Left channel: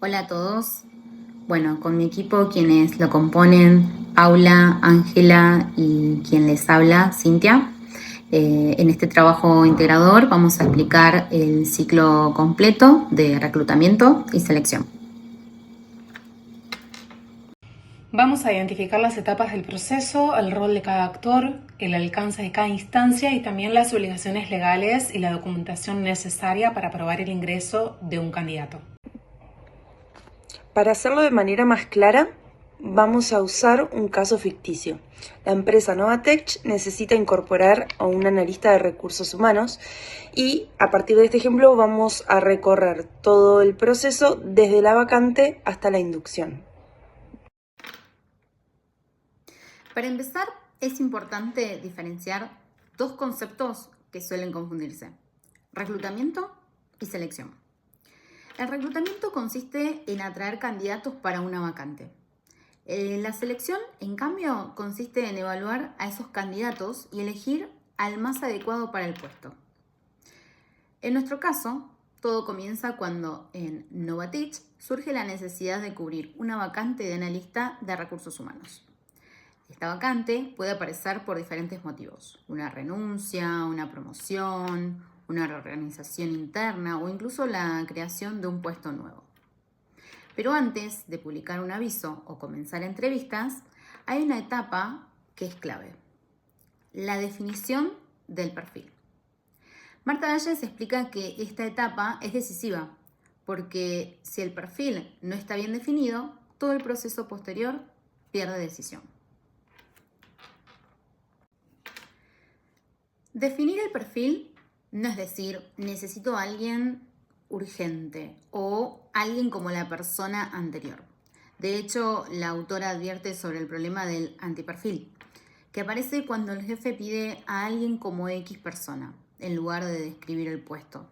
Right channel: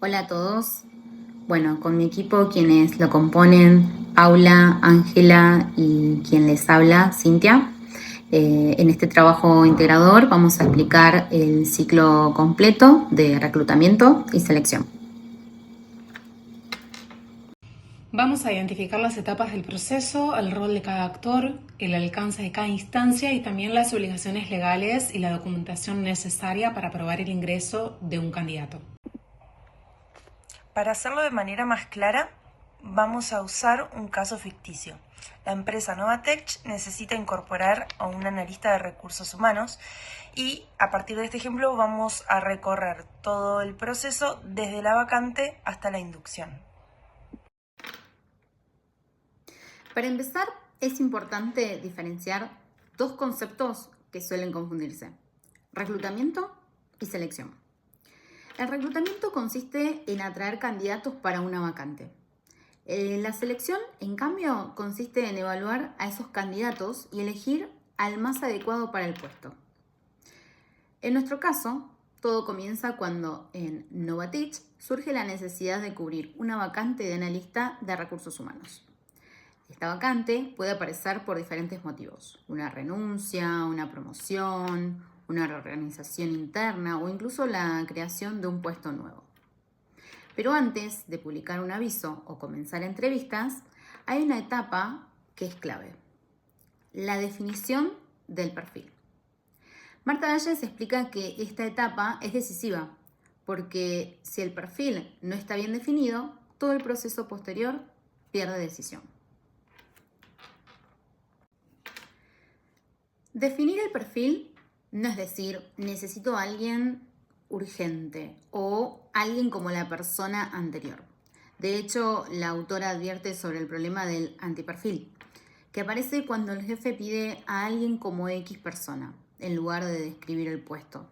Hola a todos. Bueno, con mi equipo, quienes lo componen, Paula, Ángela y quien les habla, Cintia. En este trabajo integrador vamos a explicar el ciclo completo de reclutamiento y selección. Vamos a identificar las etapas del proceso, el rol de cada actor, el alcance de cada instancia y también las obligaciones legales y la documentación necesaria para aprobar el ingreso de un candidato. Para hacerlo de manera más clara, vamos a usar un caso ficticio. La empresa Novatech necesita incorporar a un analista de recursos humanos y a partir de este ejemplo vamos a recorrer todo el proceso desde la vacante hasta la inducción. Para empezar, es importante diferenciar dos conceptos que suelen confundirse: reclutamiento y selección. El reclutamiento consiste en atraer candidatos para una vacante. La selección, en cambio, consiste en evaluar a esos candidatos y elegir al más adecuado para el puesto. En nuestro caso, todo comienza cuando en Novatech surge la necesidad de cubrir una vacante de analista de recursos humanos. Esta vacante puede aparecer por diferentes motivos: una renuncia, una promoción, una reorganización interna o incluso la creación de un puesto nuevo. Pero antes de publicar un aviso o comenzar entrevistas, hay una etapa que es clave: la definición del perfil. Marta Valles explica que esta etapa es decisiva porque si el perfil no está bien definido, todo el proceso posterior pierde decisión. Definir el perfil no es decir necesito a alguien urgente o alguien como la persona anterior. De hecho, la autora advierte sobre el problema del antiperfil, que aparece cuando el jefe pide a alguien como X persona, en lugar de describir el puesto.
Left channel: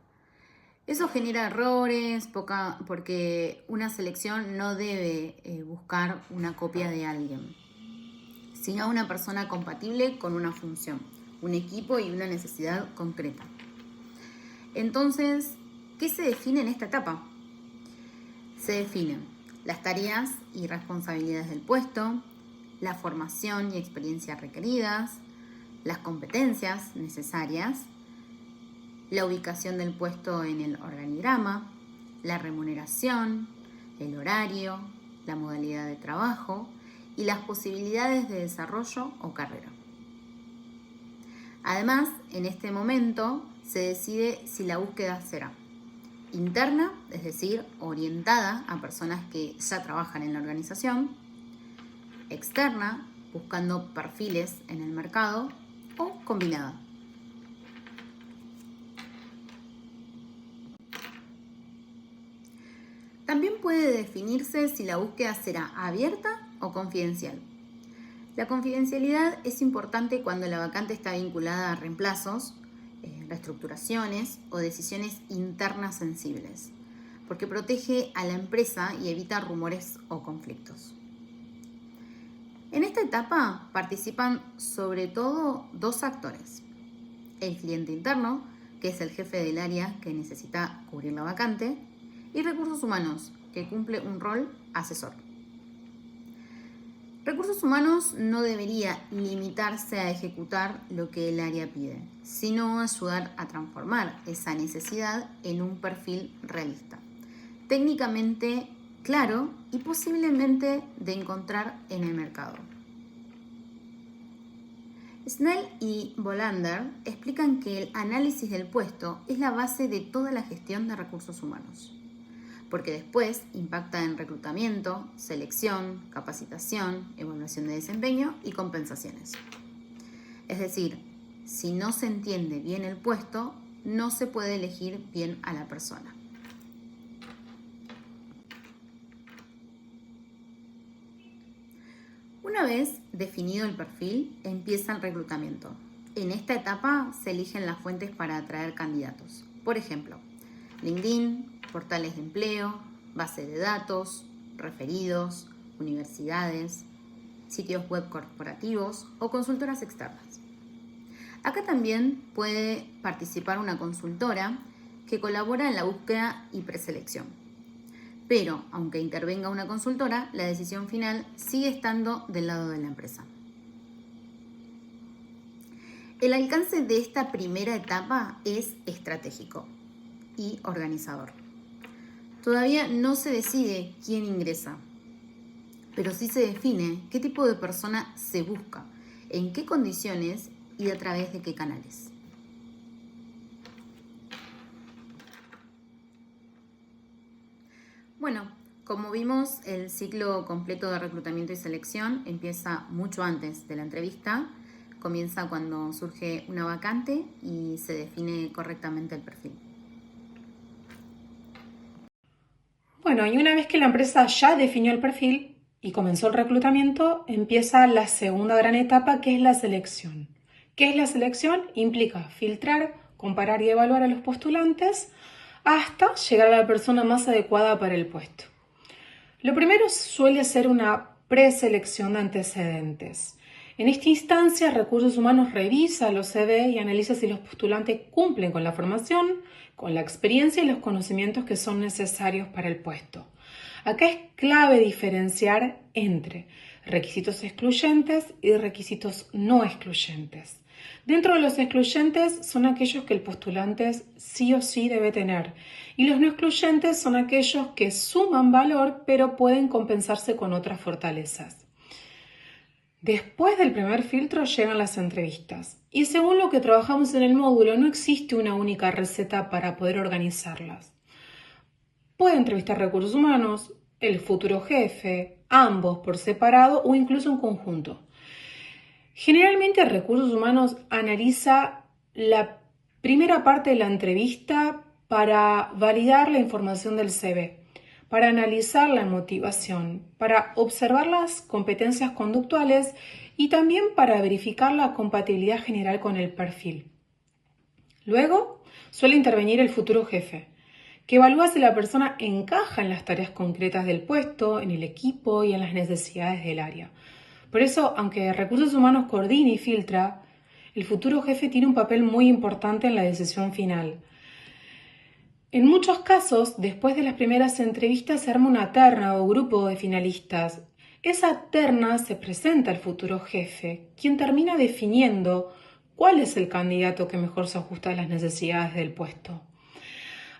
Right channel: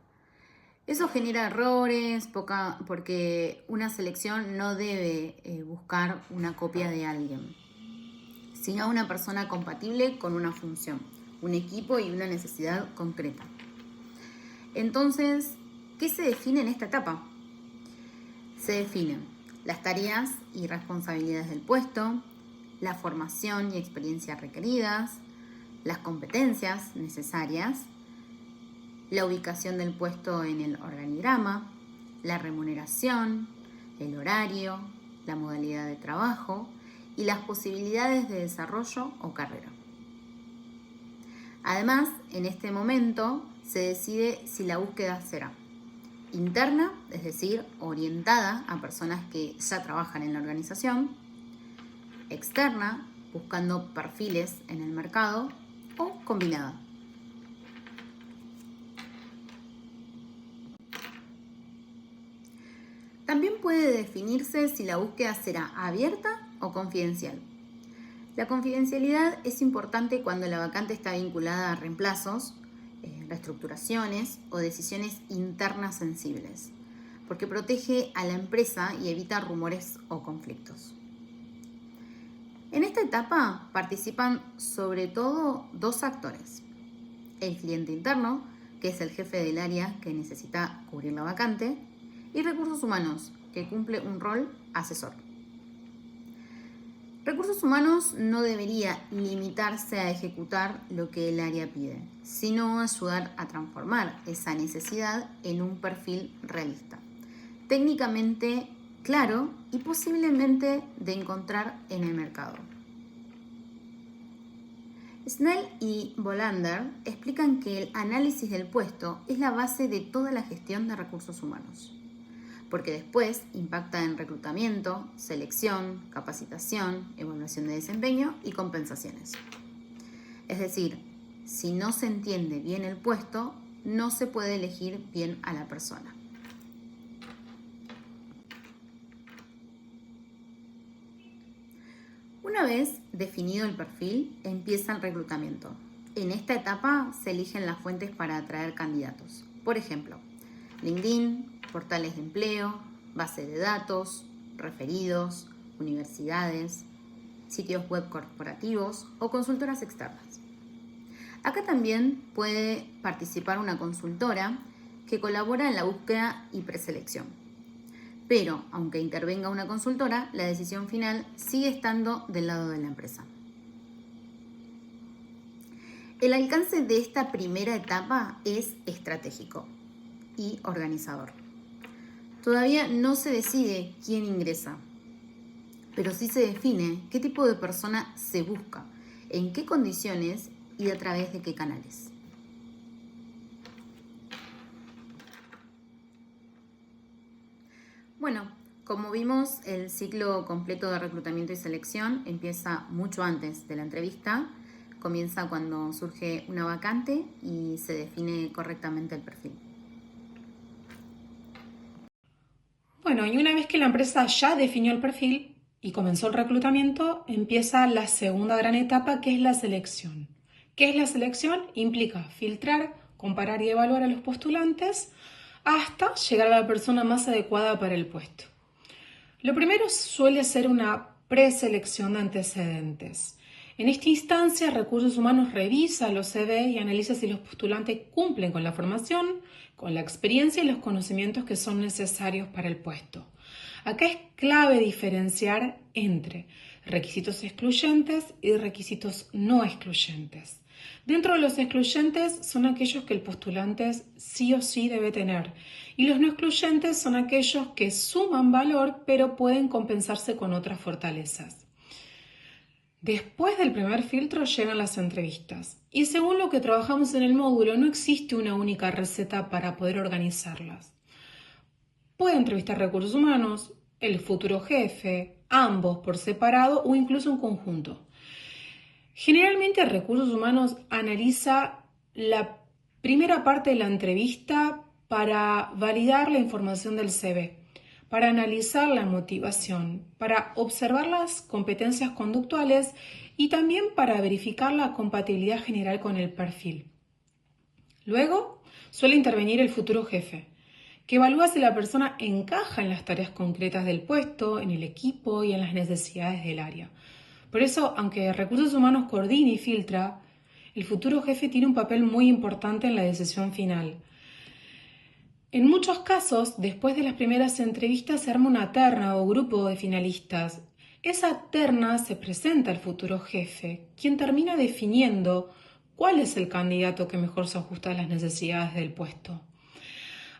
Eso genera errores porque una selección no debe buscar una copia de alguien, sino una persona compatible con una función, un equipo y una necesidad concreta. Entonces, ¿qué se define en esta etapa? Se definen las tareas y responsabilidades del puesto, la formación y experiencia requeridas, las competencias necesarias, la ubicación del puesto en el organigrama, la remuneración, el horario, la modalidad de trabajo y las posibilidades de desarrollo o carrera. Además, en este momento se decide si la búsqueda será interna, es decir, orientada a personas que ya trabajan en la organización; externa, buscando perfiles en el mercado; o combinada. También puede definirse si la búsqueda será abierta o confidencial. La confidencialidad es importante cuando la vacante está vinculada a reemplazos, reestructuraciones o decisiones internas sensibles, porque protege a la empresa y evita rumores o conflictos. En esta etapa participan sobre todo dos actores: el cliente interno, que es el jefe del área que necesita cubrir la vacante, y recursos humanos, que cumple un rol asesor. Recursos humanos no debería limitarse a ejecutar lo que el área pide, sino ayudar a transformar esa necesidad en un perfil realista, técnicamente claro y posiblemente de encontrar en el mercado. Snell y Bolander explican que el análisis del puesto es la base de toda la gestión de recursos humanos, porque después impacta en reclutamiento, selección, capacitación, evaluación de desempeño y compensaciones. Es decir, si no se entiende bien el puesto, no se puede elegir bien a la persona. Una vez definido el perfil, empieza el reclutamiento. En esta etapa se eligen las fuentes para atraer candidatos. Por ejemplo, LinkedIn, portales de empleo, base de datos, referidos, universidades, sitios web corporativos o consultoras externas. Acá también puede participar una consultora que colabora en la búsqueda y preselección. pero aunque intervenga una consultora, la decisión final sigue estando del lado de la empresa. El alcance de esta primera etapa es estratégico y organizador. Todavía no se decide quién ingresa, pero sí se define qué tipo de persona se busca, en qué condiciones y a través de qué canales. Bueno, como vimos, el ciclo completo de reclutamiento y selección empieza mucho antes de la entrevista. Comienza cuando surge una vacante y se define correctamente el perfil. Bueno, y una vez que la empresa ya definió el perfil y comenzó el reclutamiento, empieza la segunda gran etapa, que es la selección. ¿Qué es la selección? Implica filtrar, comparar y evaluar a los postulantes hasta llegar a la persona más adecuada para el puesto. Lo primero suele ser una preselección de antecedentes. En esta instancia, Recursos Humanos revisa los CV y analiza si los postulantes cumplen con la formación, con la experiencia y los conocimientos que son necesarios para el puesto. Acá es clave diferenciar entre requisitos excluyentes y requisitos no excluyentes. Dentro de los excluyentes son aquellos que el postulante sí o sí debe tener, y los no excluyentes son aquellos que suman valor pero pueden compensarse con otras fortalezas. Después del primer filtro llegan las entrevistas, y según lo que trabajamos en el módulo no existe una única receta para poder organizarlas. Puede entrevistar Recursos Humanos, el futuro jefe, ambos por separado o incluso en conjunto. Generalmente Recursos Humanos analiza la primera parte de la entrevista para validar la información del CV, para analizar la motivación, para observar las competencias conductuales y también para verificar la compatibilidad general con el perfil. Luego suele intervenir el futuro jefe, que evalúa si la persona encaja en las tareas concretas del puesto, en el equipo y en las necesidades del área. Por eso, aunque Recursos Humanos coordina y filtra, el futuro jefe tiene un papel muy importante en la decisión final. En muchos casos, después de las primeras entrevistas, se arma una terna o grupo de finalistas. Esa terna se presenta al futuro jefe, quien termina definiendo cuál es el candidato que mejor se ajusta a las necesidades del puesto.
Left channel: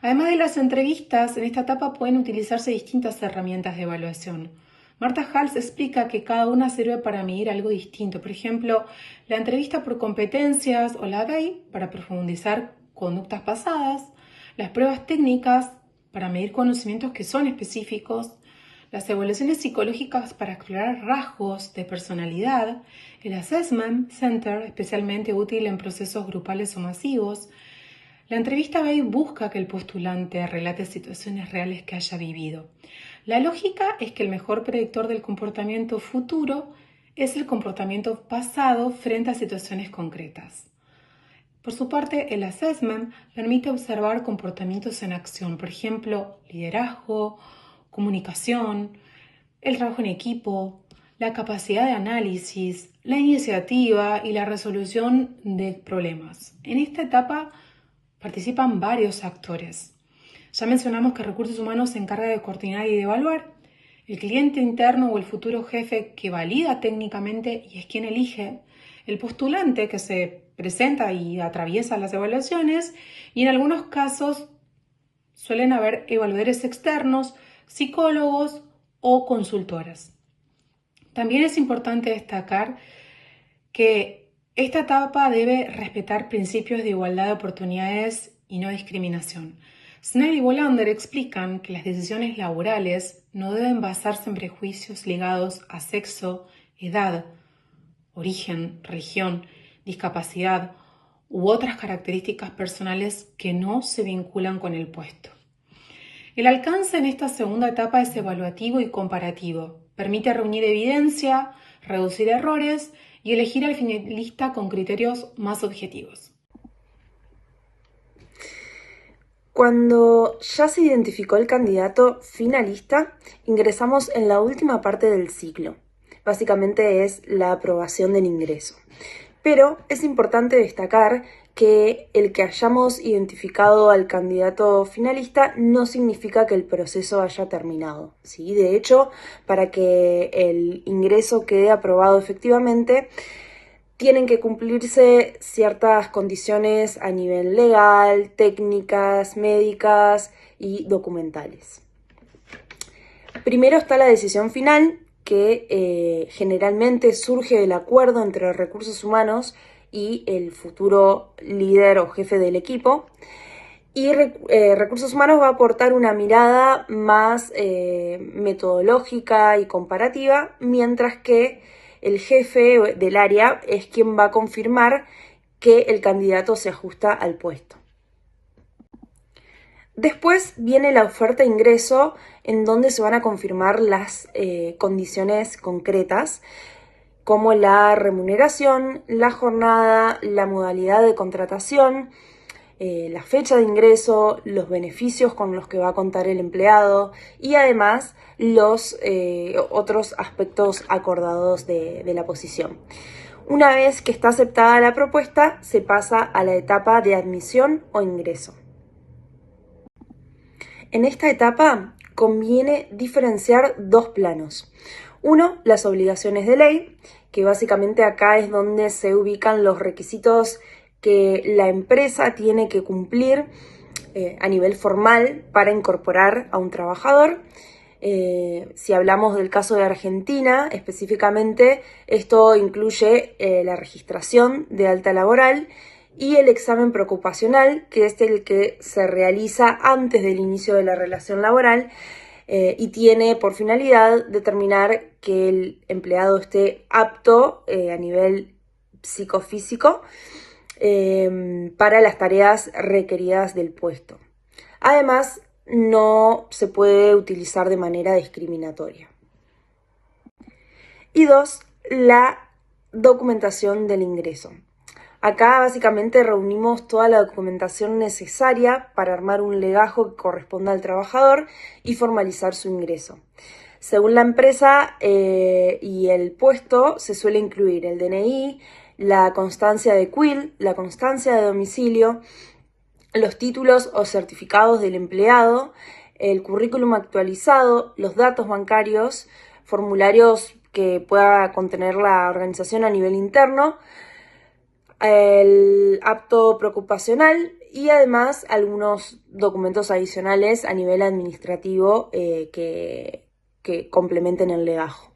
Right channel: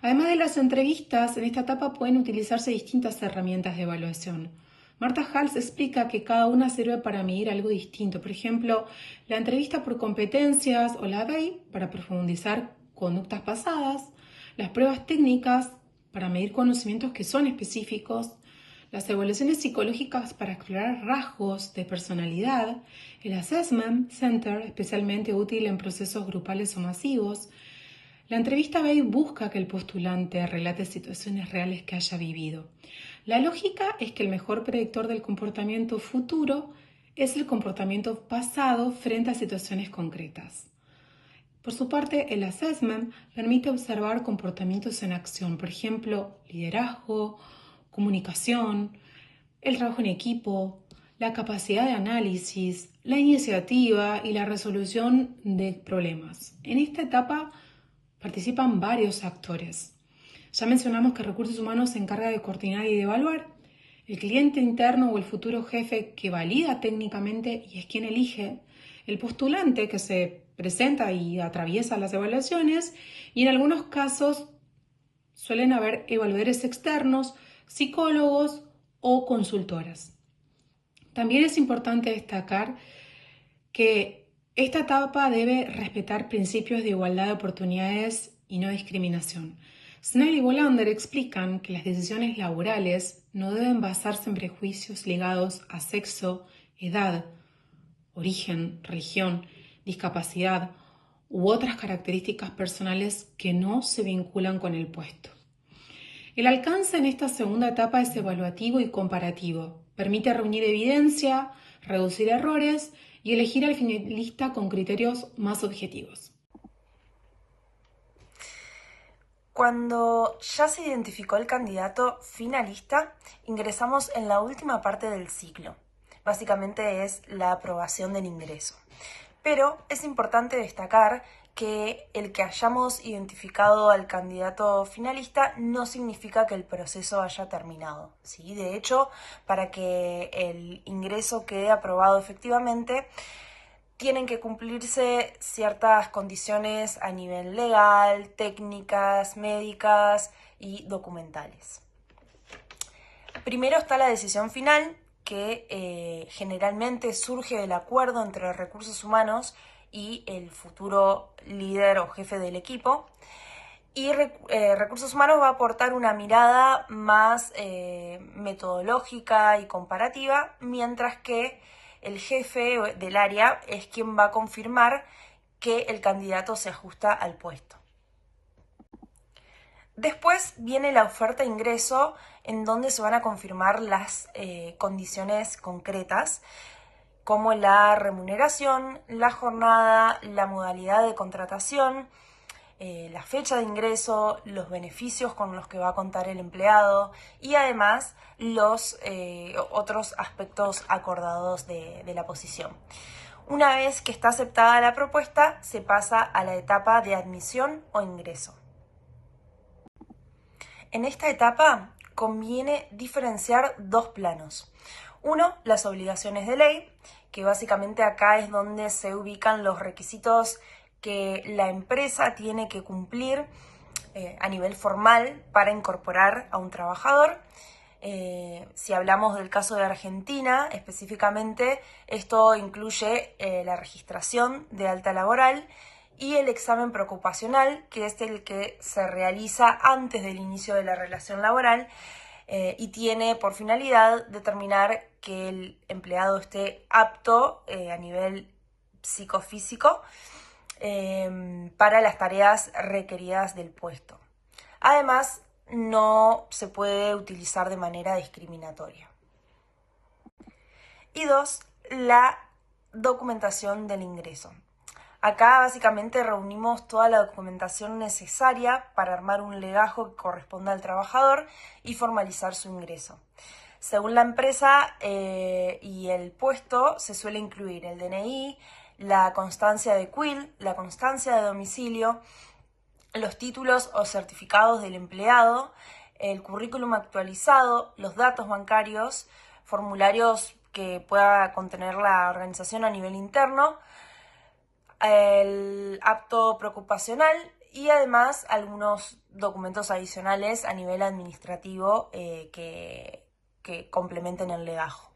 Además de las entrevistas, en esta etapa pueden utilizarse distintas herramientas de evaluación. Marta Hals explica que cada una sirve para medir algo distinto. Por ejemplo, la entrevista por competencias o la DEI para profundizar conductas pasadas, las pruebas técnicas para medir conocimientos que son específicos, las evaluaciones psicológicas para explorar rasgos de personalidad, el Assessment Center, especialmente útil en procesos grupales o masivos. La entrevista BEI busca que el postulante relate situaciones reales que haya vivido. La lógica es que el mejor predictor del comportamiento futuro es el comportamiento pasado frente a situaciones concretas. Por su parte, el assessment permite observar comportamientos en acción, por ejemplo, liderazgo, comunicación, el trabajo en equipo, la capacidad de análisis, la iniciativa y la resolución de problemas. En esta etapa participan varios actores. Ya mencionamos que Recursos Humanos se encarga de coordinar y de evaluar. El cliente interno o el futuro jefe que valida técnicamente y es quien elige. El postulante que se presenta y atraviesa las evaluaciones, y en algunos casos suelen haber evaluadores externos, psicólogos o consultoras. También es importante destacar que esta etapa debe respetar principios de igualdad de oportunidades y no discriminación. Snell y Bolander explican que las decisiones laborales no deben basarse en prejuicios ligados a sexo, edad, origen, religión, discapacidad u otras características personales que no se vinculan con el puesto. El alcance en esta segunda etapa es evaluativo y comparativo. Permite reunir evidencia, reducir errores y elegir al finalista con criterios más objetivos. Cuando ya se identificó el candidato finalista, ingresamos en la última parte del ciclo. Básicamente es la aprobación del ingreso. Pero es importante destacar que el que hayamos identificado al candidato finalista no significa que el proceso haya terminado, ¿sí? De hecho, para que el ingreso quede aprobado efectivamente, tienen que cumplirse ciertas condiciones a nivel legal, técnicas, médicas y documentales. Primero está la decisión final, que generalmente surge del acuerdo entre recursos humanos y el futuro líder o jefe del equipo. Y recursos humanos va a aportar una mirada más metodológica y comparativa, mientras que el jefe del área es quien va a confirmar que el candidato se ajusta al puesto. Después viene la oferta de ingreso, en donde se van a confirmar las condiciones concretas, como la remuneración, la jornada, la modalidad de contratación, la fecha de ingreso, los beneficios con los que va a contar el empleado y además los otros aspectos acordados de la posición. Una vez que está aceptada la propuesta, se pasa a la etapa de admisión o ingreso. En esta etapa conviene diferenciar dos planos. Uno, las obligaciones de ley, que básicamente acá es donde se ubican los requisitos que la empresa tiene que cumplir a nivel formal para incorporar a un trabajador. Si hablamos del caso de Argentina, específicamente, esto incluye la registración de alta laboral y el examen preocupacional, que es el que se realiza antes del inicio de la relación laboral y tiene por finalidad determinar que el empleado esté apto a nivel psicofísico para las tareas requeridas del puesto. Además, no se puede utilizar de manera discriminatoria. Y dos, la documentación del ingreso. Acá básicamente reunimos toda la documentación necesaria para armar un legajo que corresponda al trabajador y formalizar su ingreso. Según la empresa y el puesto, se suele incluir el DNI, la constancia de CUIL, la constancia de domicilio, los títulos o certificados del empleado, el currículum actualizado, los datos bancarios, formularios que pueda contener la organización a nivel interno, el apto preocupacional y además algunos documentos adicionales a nivel administrativo que complementen el legajo.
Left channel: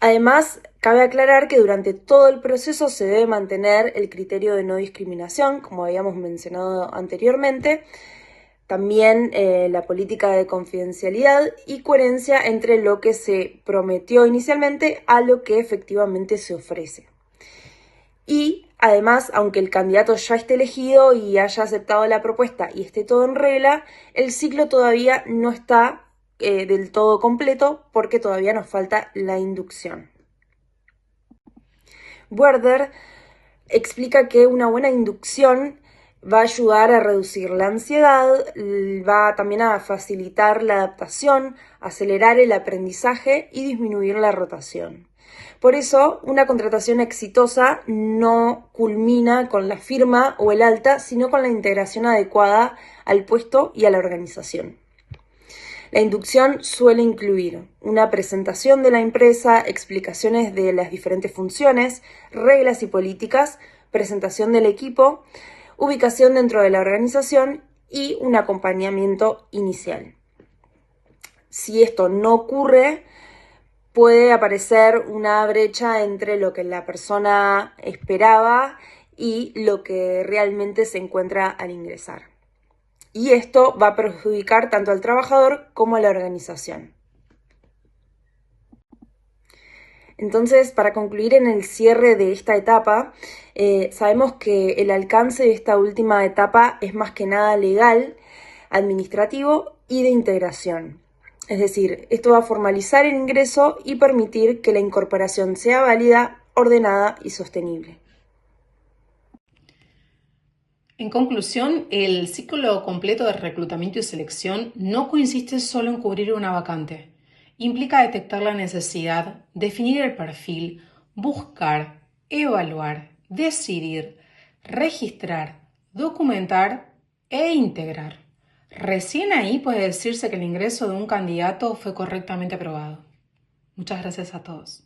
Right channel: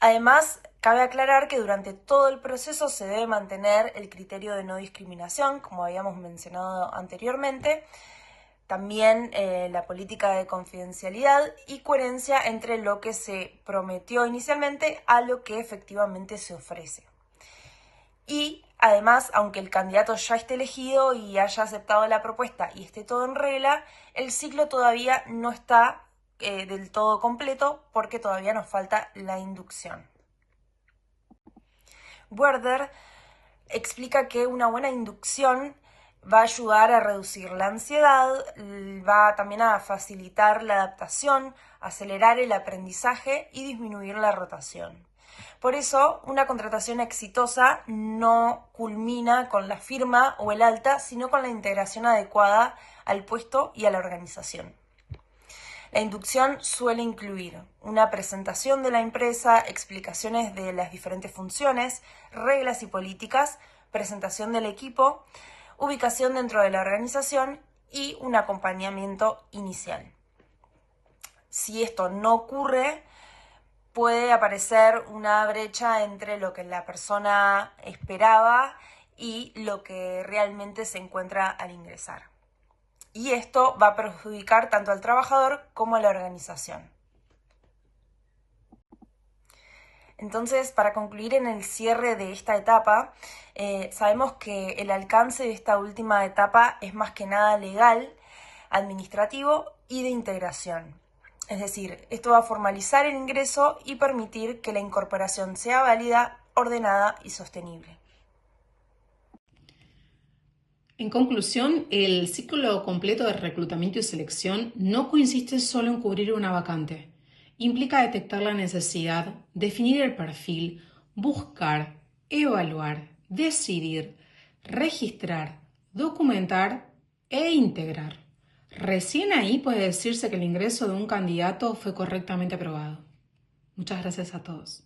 Además, cabe aclarar que durante todo el proceso se debe mantener el criterio de no discriminación, como habíamos mencionado anteriormente, también la política de confidencialidad y coherencia entre lo que se prometió inicialmente a lo que efectivamente se ofrece. Y además, aunque el candidato ya esté elegido y haya aceptado la propuesta y esté todo en regla, el ciclo todavía no está del todo completo porque todavía nos falta la inducción. Werder explica que una buena inducción va a ayudar a reducir la ansiedad, va también a facilitar la adaptación, acelerar el aprendizaje y disminuir la rotación. Por eso, una contratación exitosa no culmina con la firma o el alta, sino con la integración adecuada al puesto y a la organización. La inducción suele incluir una presentación de la empresa, explicaciones de las diferentes funciones, reglas y políticas, presentación del equipo, ubicación dentro de la organización y un acompañamiento inicial. Si esto no ocurre, puede aparecer una brecha entre lo que la persona esperaba y lo que realmente se encuentra al ingresar. Y esto va a perjudicar tanto al trabajador como a la organización. Entonces, para concluir en el cierre de esta etapa, sabemos que el alcance de esta última etapa es más que nada legal, administrativo y de integración. Es decir, esto va a formalizar el ingreso y permitir que la incorporación sea válida, ordenada y sostenible. En conclusión, el ciclo completo de reclutamiento y selección no consiste solo en cubrir una vacante. Implica detectar la necesidad, definir el perfil, buscar, evaluar, decidir, registrar, documentar e integrar. Recién ahí puede decirse que el ingreso de un candidato fue correctamente aprobado. Muchas gracias a todos.